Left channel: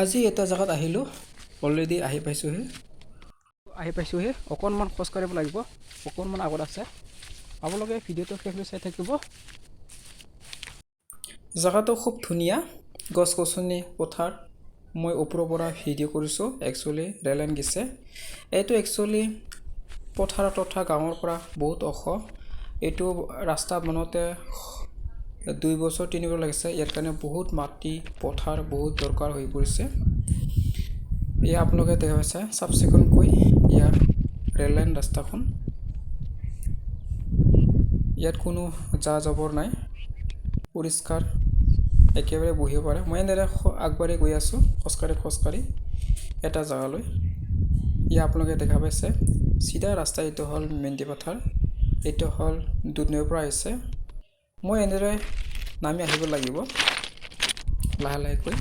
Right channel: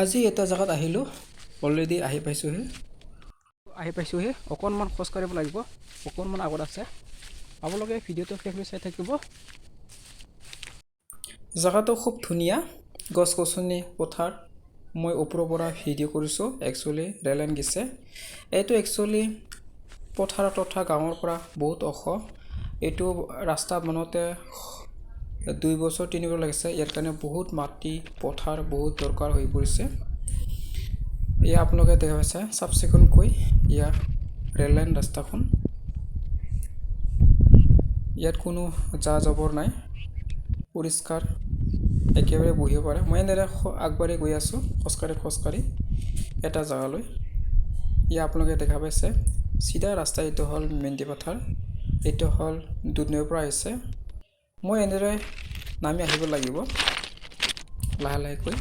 আজি এটা জায়গাত আহিলোঁ অলৰেডি আহি পাইছোঁহে অকণমান খোজ কাঢ়িব লাগিব অকণমান আগত আছে আপোনালোকে ভিডিঅ'টো শেষলৈ চাই থাকিব জায়গাটো খুব ধুনীয়া গছ গছনি পথাৰ মই ওপৰৰ পৰা ভিডিঅ' কৰিছোঁ একচুৱেলি ৰেল লাইন গৈছে এইটো একচুৱেলি পথাৰ তথা গাঁৱৰ পৰা বহুত ওখ এইটো ৰাস্তা বনাওঁতে 2 বছৰ 3 বছৰ লাগিছে ইয়াৰ কাৰণে বহুত মাটি পথাৰ বহুত দৰকাৰ হৈ পৰিছে এয়া আপোনালোকে দেখা পাইছে চাফ চিকুণকৈ এয়া ৰেল লাইন ৰাস্তাখন ইয়াত কোনো যা জাবৰ নাই পৰিষ্কাৰ একেবাৰে বহিব পাৰে মই এনেদৰে আগবাঢ়ি গৈ আছোঁ খোজকাঢ়ি এটা জাগালৈ ইয়া আপোনালোকে দেখা পাইছে চিধা ৰাস্তা এইটো হ'ল মেণ্ডি পথাৰ এইটো হ'ল দুধনৈৰ পৰা আহিছে মই এনেদৰে নামি আহিব লাগিব লাহেকৈ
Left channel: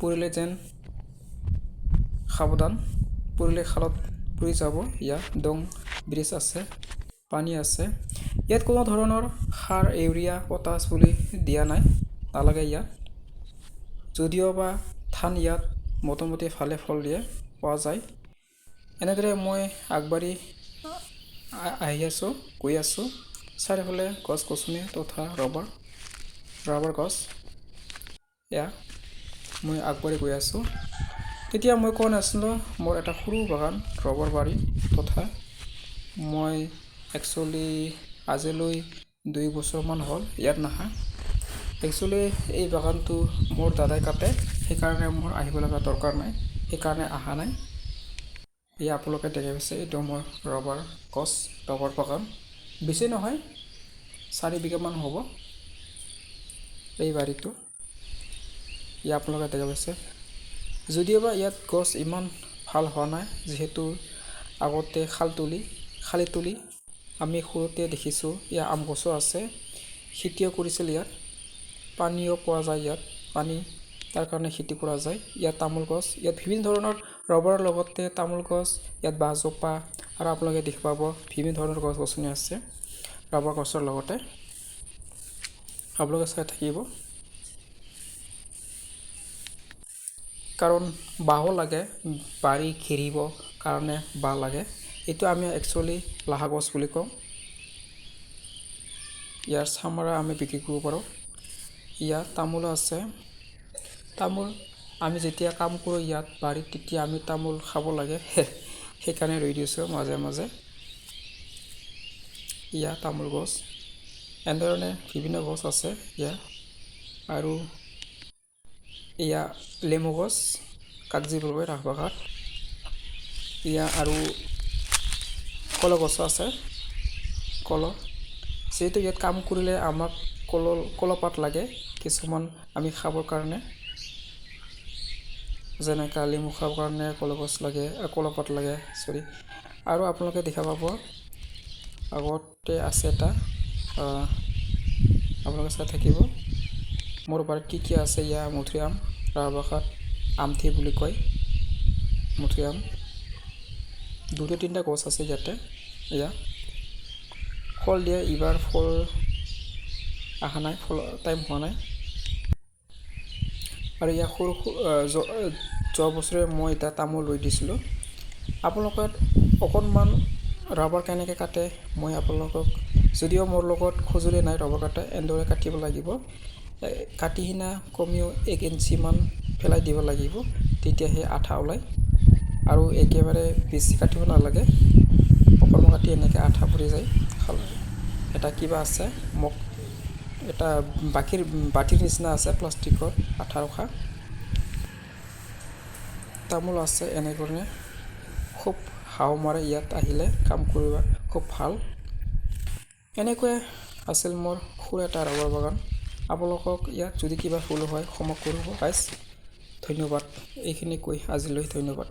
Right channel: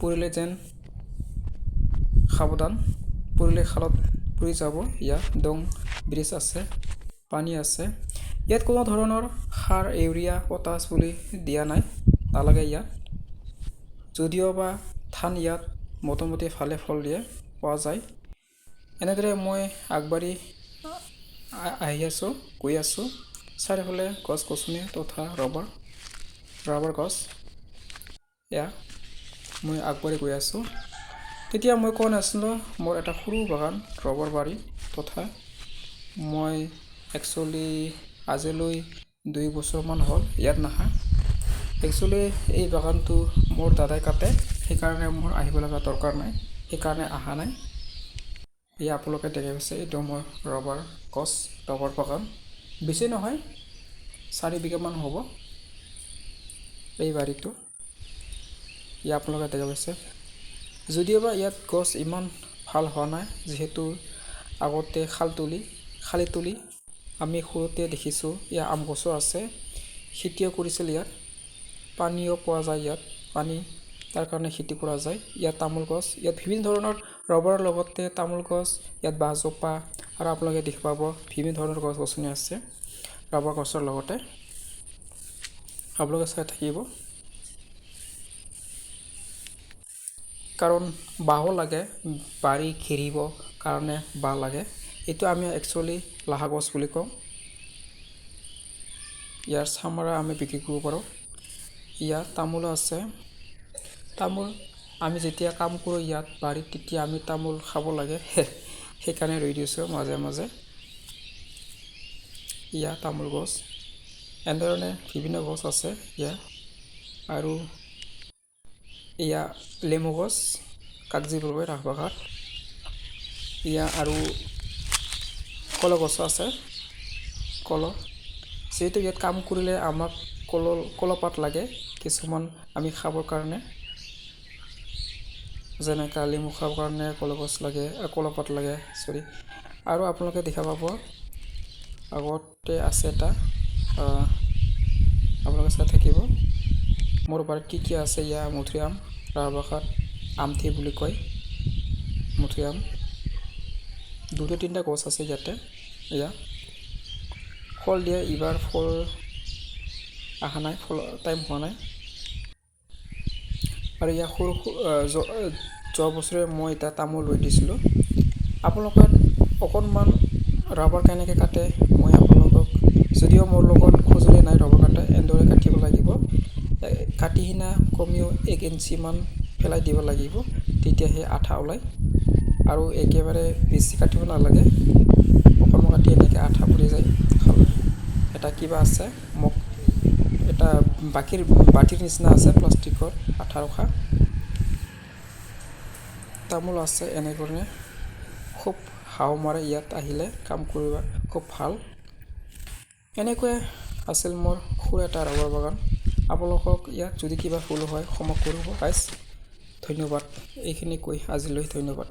পৰিলে যেন সাৱধান পৰিলে খালত পৰি যাব ইয়া দং ব্ৰিজ আছে পানী আছে ইয়াত কোনো ধৰণৰ সাৰ ইউৰিয়া পটাছ বুলি দিয়া নাই নালাগে ইয়াত যদিও বা ধান ইয়াত মোটামুটি ভালে ফল দিয়ে পোৱা যায় এনেদৰে মই আগবাঢ়ি গৈ আছোঁ চাৰিওফালে গছ গছনি তথা ৰবাৰ গছ এয়া মই আগবাঢ়ি গৈ আছোঁ তেতিয়া মই কোৱা নাছিলোঁ মোৰ এটা সৰু বাগান ৰবাৰ বাৰী তথা মই একচুৱেলি আজিলৈ 2 বছৰমান হ'ল ইয়াত নাহা একচুৱেলি এই বাগানটো মোৰ দাদাই কাটে সেইকাৰণে মোৰ আহিব লগা দৰকাৰ নাই সেইকাৰণে অহা নাই এয়া আপোনালোকে দেখা পাইছে এইটো মোৰ ৰবাৰ বাগান বেছি নহয় 4 বিঘামান হ'ব এই বাৰীটো ইয়া আপোনালোকে দেখা পাইছে যদিওবা ইয়াত গছ ইমান ভাল হোৱা নাই যিহেতু আগতে খালি তুলি আমি সৰুতে দেখিছোঁ ইয়াত আম গছো আছে খেতিও কৰিছিল ইয়াত পানীও পোৱা যায় ইয়াত পানী তাৰ কাৰণে খেতি কৰা যায় ইয়াত তামোল গছ ইয়াত বিভিন্ন ধৰণৰ ৰবাৰৰ লগতে তামোল গছ ইয়াত বাঁহজোপা আৰু আপোনালোকে দেখি পাব বিভিন্ন ধৰণৰ গছ গছনি আছে ৰবাৰ গছৰ লগতে আপোনালোকে চাই থাকিব কাৰণ বাঁহো লাগে বাৰী ঘেৰিব কাৰণে বাঁহ লাগে এইটো আমি একচুৱেলি লাহা গছ বুলি কওঁ ইয়াৰ চামৰা আমি বিক্ৰী কৰিব পাৰোঁ ইয়াত তামোলো আছে তামোল আমি যেতিয়া কাম কৰোঁ ইয়াত বাৰীত তেতিয়া আমি তামোল খাব লাগে সেইকাৰণে ৰৈ দিছোঁ মাজে ইয়াত তামোল গছ এনেধৰণে বিভিন্ন গছ আছে ইয়াত আৰু এয়া লেমু গছ কাগজি বুলবই ৰাসবাঘাট এয়া আৰু কলগছো আছে যিহেতু ইয়াত কাম কৰিলে আমাক কলপাত লাগে কিছুমান আমি খাবৰ কাৰণে যেনেকৈ লেমু খাবৰ কাৰণে কলগছ লাগে কলপাত লাগে আৰু আপোনালোকে দেখা পাব আগতে আছে এটা আপোনালোকে চাই থাকিব মোৰ বাৰীত কি আছে ইয়া মধুৰিআম ৰাসবাঘাট আমথি বুলি কয় মধুৰিআম 2-3টা গছ আছে ইয়াতে এয়া ফল দিয়ে এইবাৰ ফল অহা নাই ফল টাইম হোৱা নাই আৰু ইয়াৰ যোৱা বছৰে মই এটা তামোল ৰুই দিছিলোঁ আপোনালোকে অকণমান ৰাবাৰ কেনেকৈ কাটে মই আপোনালোকক যদিও মোৰ লগত সঁজুলি নাই ৰবাৰ কাটে এনেদৰে কাটিব লাগিব কাটি কিনা কমেও 1 ইঞ্চিমান পেলাই দিব লাগিব তেতিয়াহে আঠা ওলায় আৰু একেবাৰে বেছি কাটিব নালাগে অকণমান কাটি এনেকৈ আঠা পৰি যায় খালে এটা কিবা আছে মোক এটা বাটিৰ নিচিনা আছে প্লাষ্টিকৰ আঠা ৰখা তামোল আছে এনেধৰণে খুব হাও মাৰে ইয়াত আহিলে কাম কৰিব খুব ভাল এনেকৈ আছিল মোৰ সৰু এটা ৰবাৰ বাগান আপোনালোকক ইয়াত যদি কিবা ভুল হয় ক্ষমা কৰিব গাইজ ধন্যবাদ এইখিনি কৈ আজিলৈ ধন্যবাদ